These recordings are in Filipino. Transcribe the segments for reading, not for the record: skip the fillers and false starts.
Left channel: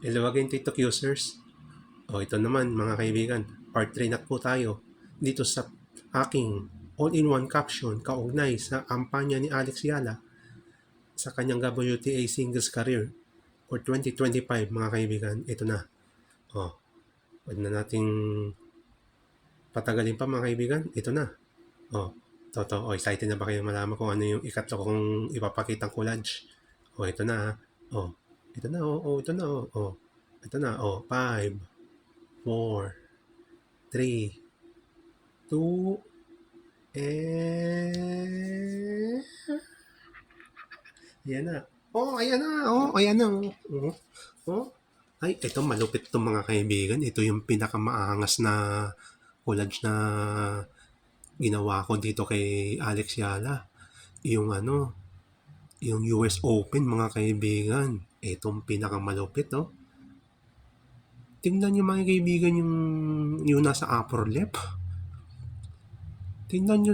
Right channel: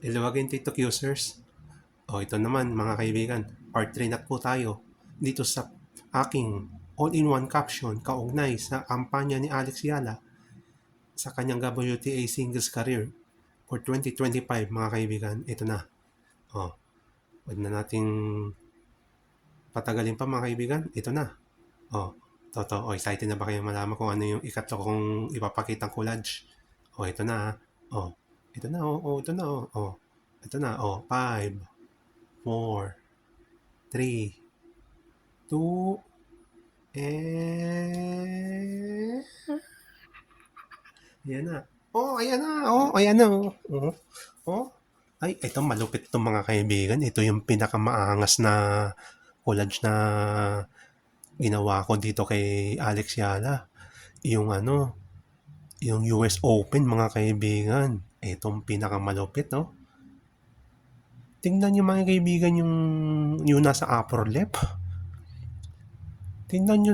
Hello again, TikTok users. Ito naman mga kaibigan, part 3 na po tayo dito sa aking all-in-one caption kaugnay sa kampanya ni Alex Yala sa kanyang WTA singles career for 2025 mga kaibigan. Ito na. Huwag na nating patagalin pa mga kaibigan. Ito na. Excited na ba kayong malaman kung ano yung ikatlo kong ipapakitang collage? Ito na. Ito na. Ito na. Ito na. 5, 4, 3, 2, and... Ayan na. Ayan na. Ayan na. Ay, ito malupit itong mga kaibigan. Ito yung pinakamaangas na collage na ginawa ko dito kay Alex Yala. Yung yung US Open mga kaibigan. Itong pinakamalupit, no? Tingnan nyo mga kaibigan yung nasa upper left. Tingnan nyo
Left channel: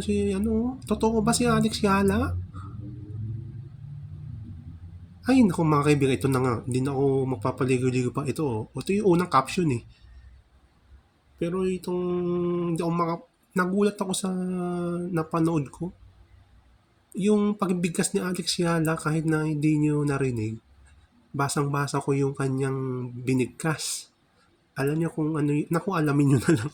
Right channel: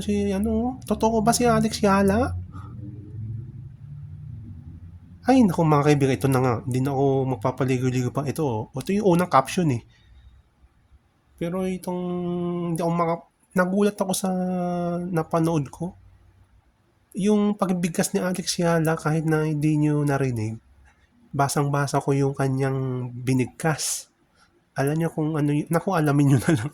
totoo ba si Alex Yala? Ay, naku mga kaibigan, ito na nga. Hindi na ako magpapaligoy-ligoy pa. Ito yung unang caption eh. Pero hindi ako nagulat ako sa napanood ko. Yung pagbigkas ni Alex Yala, kahit na hindi nyo narinig, basang-basa ko yung kanyang binigkas. Alam nyo kung ano yun. Naku, alamin nyo na lang.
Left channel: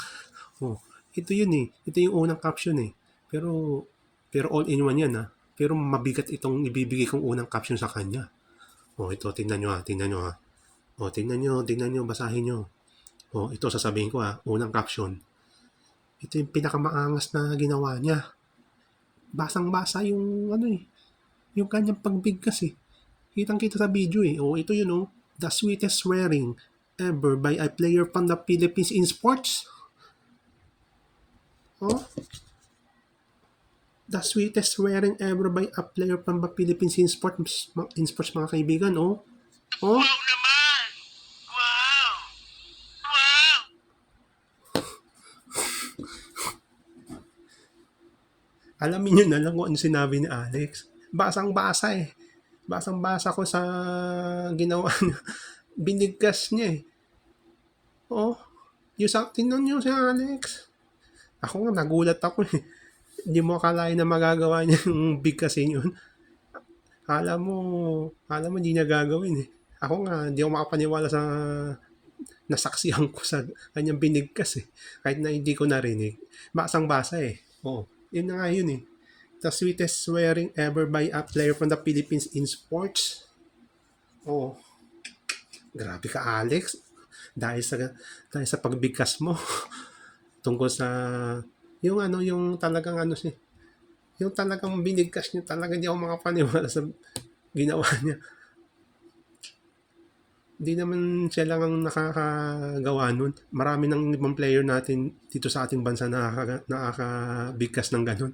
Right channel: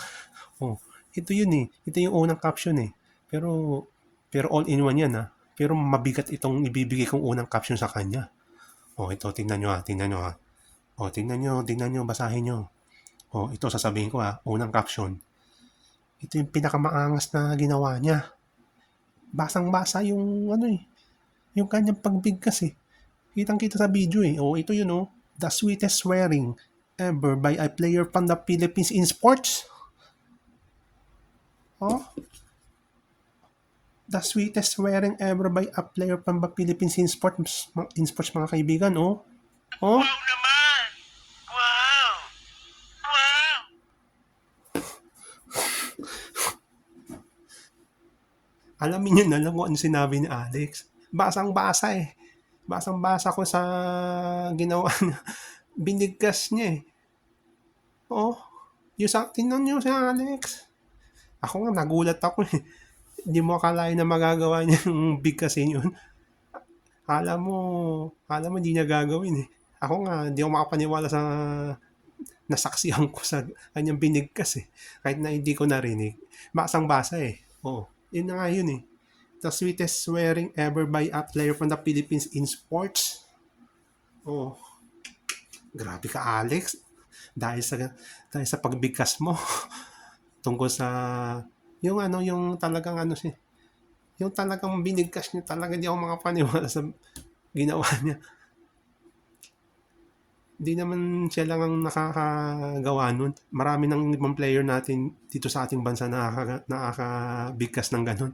Ito yun eh. Ito yung unang caption eh. Pero all in one yan Pero mabigat itong ibibigay kong unang caption sa kanya. Ito, tingnan nyo tingnan nyo tingnan nyo, basahin nyo. Ito sasabihin ko unang caption. Ito yung pinakamaangas na ginawa niya. Basang-basa yung yung kanyang pagbigkas eh. Kitang-kita sa video eh. Ito yun The sweetest swearing ever by a player from the Philippines in sports. The sweetest swearing ever by a player from the Philippines in sports mga kaibigan, Wow naman! Wow! Wow! Alamin nyo na lang kung ano sinabi ni Alex. Basang-basa eh. Basang-basa ko sa ginawa niya. Binigkas niya eh. Tingnan nyo si Alex. Ako nga, nagulat ako eh. Hindi mo akalain na magagawa niya yung bigkasin yun. Kala mo hindi niya gagawin eh. Ako nga, hindi ako makapaniwala sa nasaksihan ko sa kanyang binigkas eh. Kahit na hindi ko narinig. Basang-basa eh. Yun na nga yun eh. The sweetest swearing ever by a player from the Philippines in sports. Grabe ka Alex. Dahil sa pagbigkas mo tungkol sa yung talagang yung talagang binigkas niya, talaga di ako makapaniwala sa ginawa niya. Di naman siya lang ang nakakagawa nun. Marami ng ibang player natin dito sa ating bansa nakakabigkas ng ganun.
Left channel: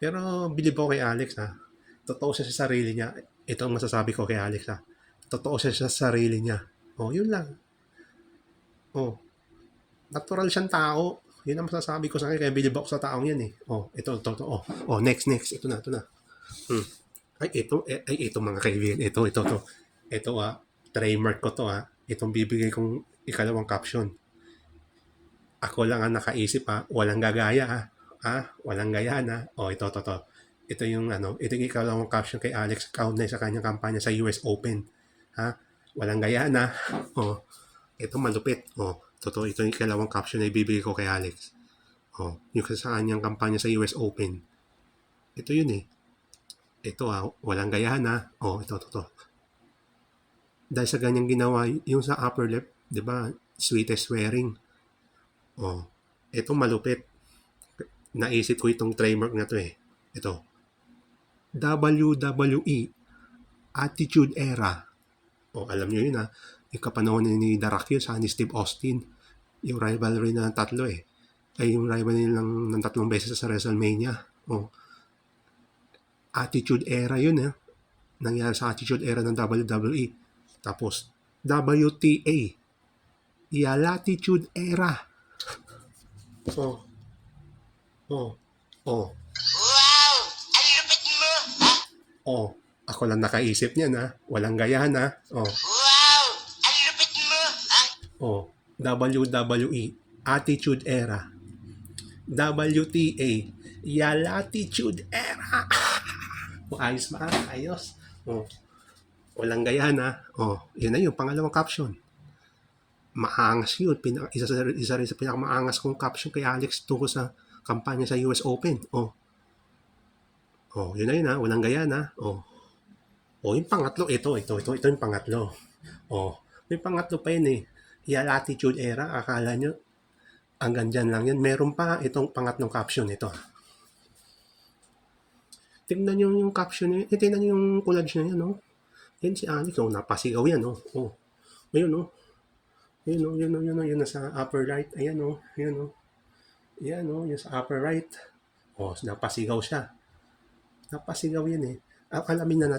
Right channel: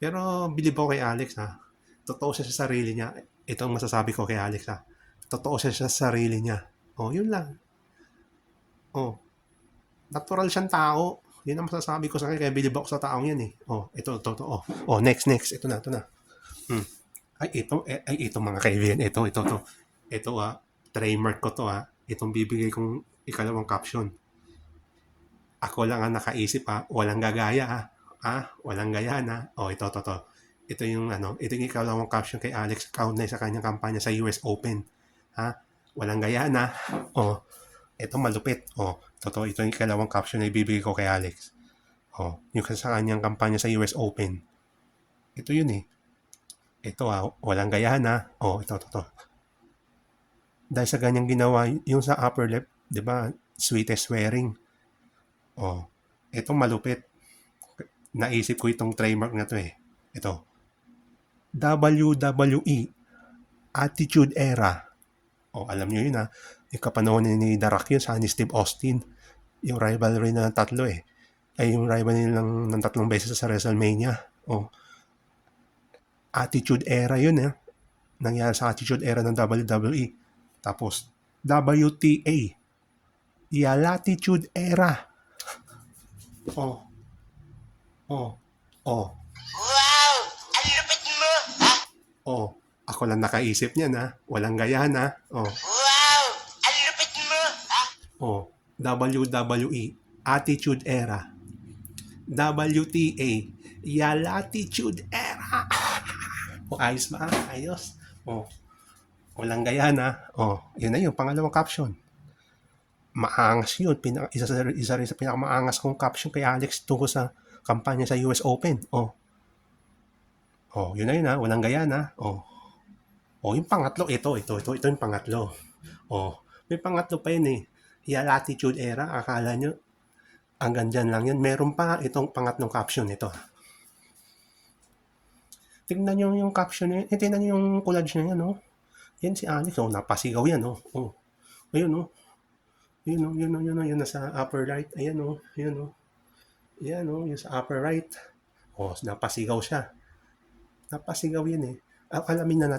Pero bilib ako kay Alex Totoo siya sa sarili niya. Ito ang masasabi ko kay Alex Totoo siya sa sarili niya. Yun lang. Natural siyang tao. Yun ang masasabi ko sa kanya. Kaya bilib ako sa taong yan eh. Ito. Next. Ito na. Ito mga kaibigan. Ito. Trademark ko to Itong bibigay kong ikalawang caption. Ako lang ang nakaisip Walang gagaya Walang gaya ito. Ito yung ikalawang caption kay Alex kaugnay sa kanyang kampanya sa US Open. Walang gaya ito malupit. Totoo, ito yung ikalawang caption na ibibigay ko kay Alex. Yung sa kanyang kampanya sa US Open. Ito yun eh. Ito walang gayahan ito. Dahil sa ganyang ginawa, yung sa upper left, di ba, sweetest swearing. Ito malupit. Naisip ko itong trademark na to eh. Ito. WWE Attitude Era. Alam nyo yun yung kapanahon ni The Rock yun sa ni Steve Austin. Yung rivalry na tatlo eh. Ay yung rivalry ng 3 beses sa WrestleMania. Attitude Era yun Nangyari sa Attitude Era ng WWE. Tapos, WTA. Latitude Era. Wow! Ang lupit mo! Ako lang nakaisip niyan Walang gayahan Wow! Ang lupit Oh, WWE, Attitude Era. WTA, Yalatitude Era. O, ayos ba? Ayos. Oh, walang gaya na. Oh, yun na yung pangalawang caption. Maangas yun. Isa rin sa pinakamaangas kong caption kay Alex tungkol sa kampanya sa US Open. Oh, oh, yun na yun ha. Walang gaya na. Oh, oh, yung pangatlo, ito yung pangatlo. Oh, may pangatlo pa yun eh. Yalatitude Era, akala nyo, hanggang dyan lang yan. Meron pa itong pangatlong caption nito. Tignan nyo yung caption niya. Tignan nyo yung collage niya yan, oh. Yan si Alex, oh. Napasigaw yan, oh. Oh. Ayun, oh. Ayun, oh. Yun, oh. Yun, oh. Yun, nasa upper right. Ayan, oh. Yun, oh. Yan, oh. Yun sa upper right. Oh, napasigaw siya. Napasigaw yan, eh. Alamin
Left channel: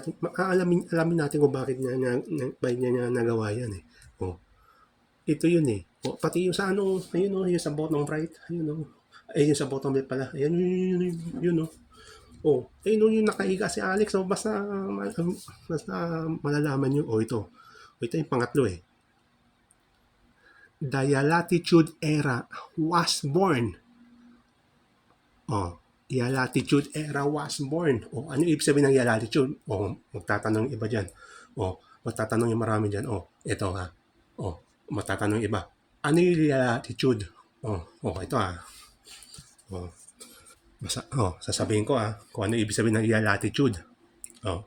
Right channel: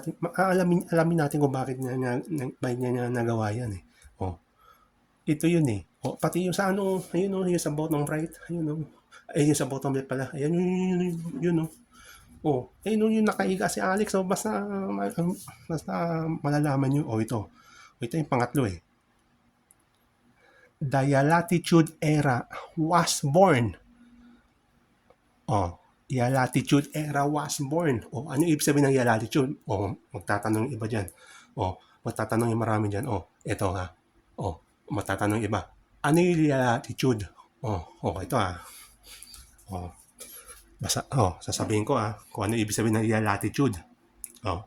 natin kung bakit niya nagawa yan, eh. Oh. Ito yun, eh. Oh, pati yung sa ano, ayun, oh. Yung sa bottom right. Ayun, oh. Ay, yung sa bottom left pala. Ayan, yun, oh. Oh, eh nung yung nakahiga si Alex, oh, basta malalaman nyo, oh ito. Oh, ito yung pangatlo eh. The Latitude Era was born. Oh, Latitude Era was born. Oh, ano ibig sabihin ng Latitude? Oh, magtatanong iba dyan. Oh, magtatanong yung marami dyan. Oh, ito ha. Oh, magtatanong iba. Ano yung Latitude? Oh, ito ha. Oh, sasabihin ko kung ano ibig sabihin ng latitude. Oh,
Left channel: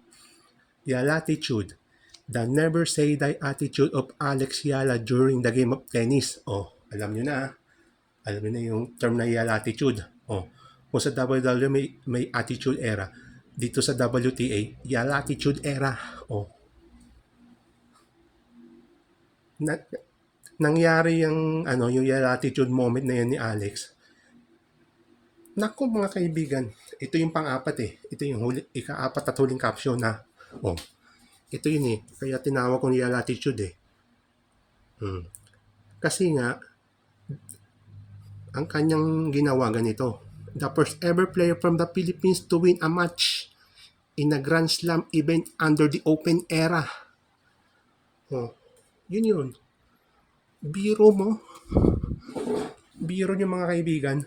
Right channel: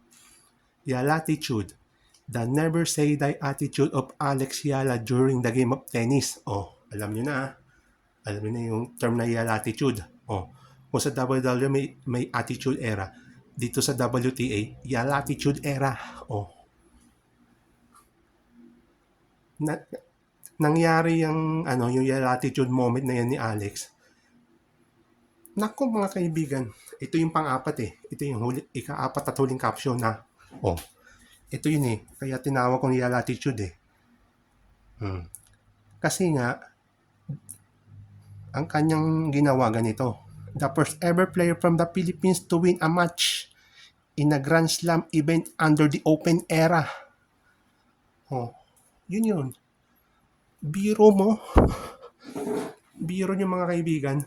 latitude, the never say die attitude of Alex Yala during the game of tennis. Oh, alam niyo na. Alam niyo na yung term na latitude. Oh, kung sa WWE may attitude era. Dito sa WTA, latitude era. Oh, nangyari yung yung latitude moment na yan ni Alex. Naku mga kaibigan, ito yung pang-apat eh. Ito yung ika-apat at huling caption na. Oh, ito yun eh. Kaya tinawag ko niya latitude eh. Kasi nga, ang kanyang ginawa ganito. The first ever player from the Philippines to win a match in a Grand Slam event under the Open Era. Oh, yun. Biro mo. Biro nyo mga kaibigan.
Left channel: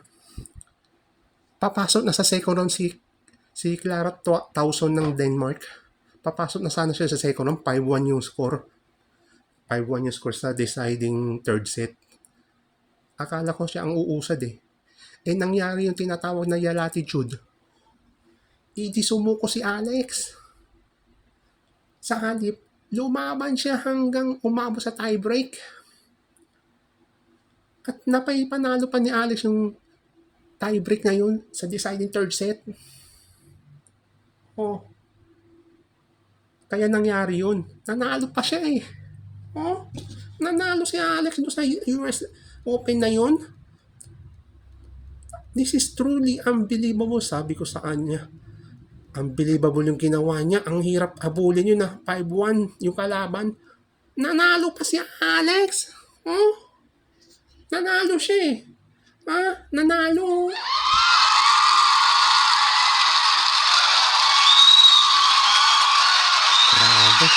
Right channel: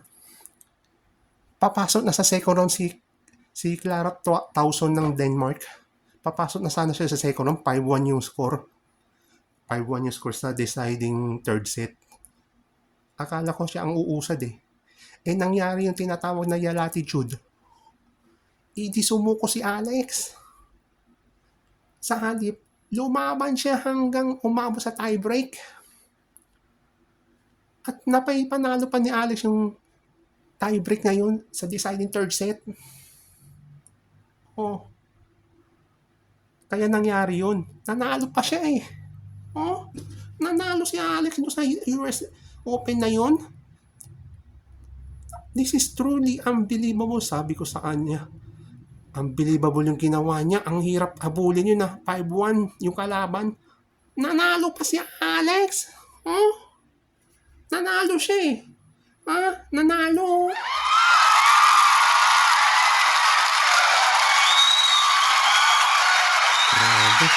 Papasok na sa second round si Clara Tauson ng Denmark. Papasok na sana siya sa second round. 5-1 yung score. 5-1 yung score sa deciding third set. Akala ko siya ang uusad eh. Eh nangyari yung tinatawag na latitude. Hindi sumuko si Alex. Sa halip, lumaban siya hanggang umabot sa tiebreak. At panalo pa ni Alex yung tiebreak na yun sa deciding third set. Oh. Kaya nangyari yun. Nanalo pa siya eh. Oh. Nanalo si Alex doon sa US Open na yun. This is truly unbelievable, sabi ko sa kanya. Unbelievable yung ginawa niya. Ang hirap habulin yun na 5-1 yung kalaban. Nanalo pa si Alex. Oh. Nanalo siya eh. Nanalo. Grabe.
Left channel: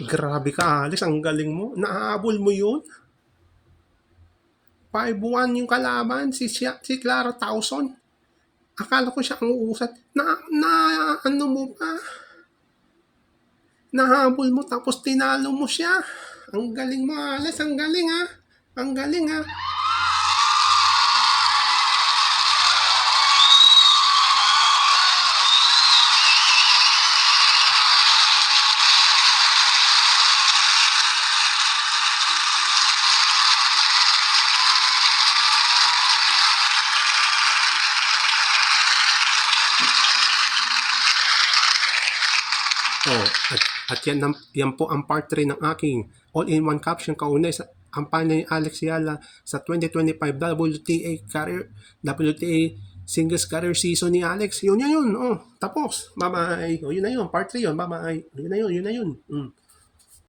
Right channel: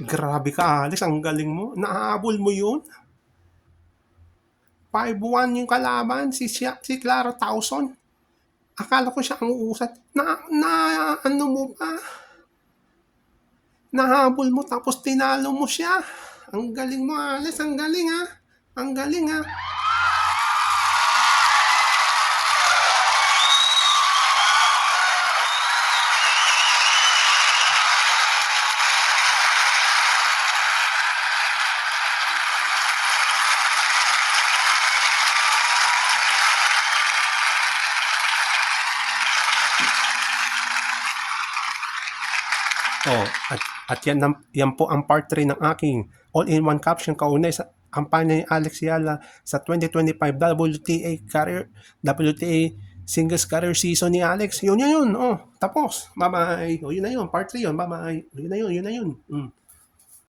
Grabe ka, Alex. Ang galing mo. Naahabol mo yun. 5-1 yung kalaban. Si Clara Tauson. Akala ko siya ang uusat. Ano mo pa? Nahabol mo tapos tinalo mo siya. Ang galing mo, Alex. Ang galing ha. Ang galing ha. Oh, at yan po ang part 3 ng aking all-in-one caption kaunay sa kampanya ni Alex Yala sa 2025 WTA Singles Career Season ni Alex. Yun. Oh, tapos. Bye-bye. Oh, yun na yun. Part 3 yun. Bye-bye. Yun na yun.